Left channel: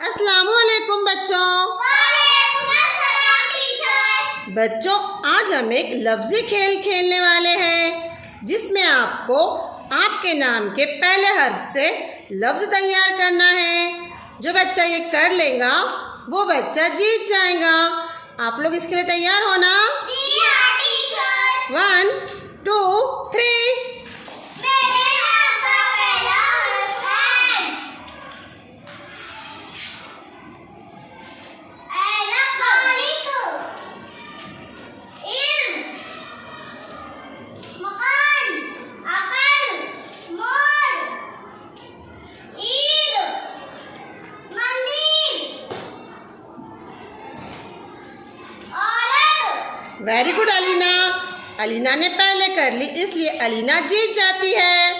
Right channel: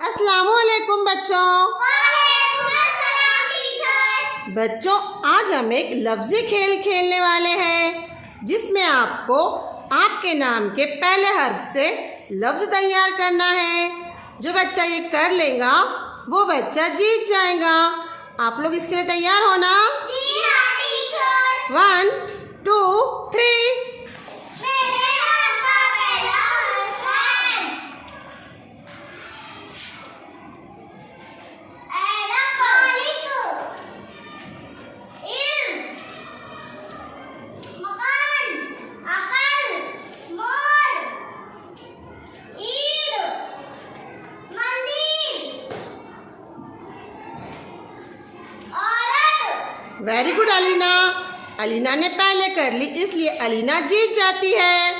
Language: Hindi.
अस्सलामुअलैकुम बच्चों। बच्चों, आज हम एक लफ्ज़ी खेल खेलने वाले हैं जिसमें आपको आपके नाम के पहले हर्फ से लफ्ज़ तैयार करना है। जो बच्चा ये कर लेगा वो बच्चा जीत जाएगा। आप लोग इसके लिए तैयार हो ना? जी हाँ टीचर। 1 2 3। मेरे नाम का पहला हर्फ मकान, अकल, मोर, ईद, मंदिर, औरत। Very good Alina. अलीना ने पहले कर ली इसलिए अलीना जीत जाती है।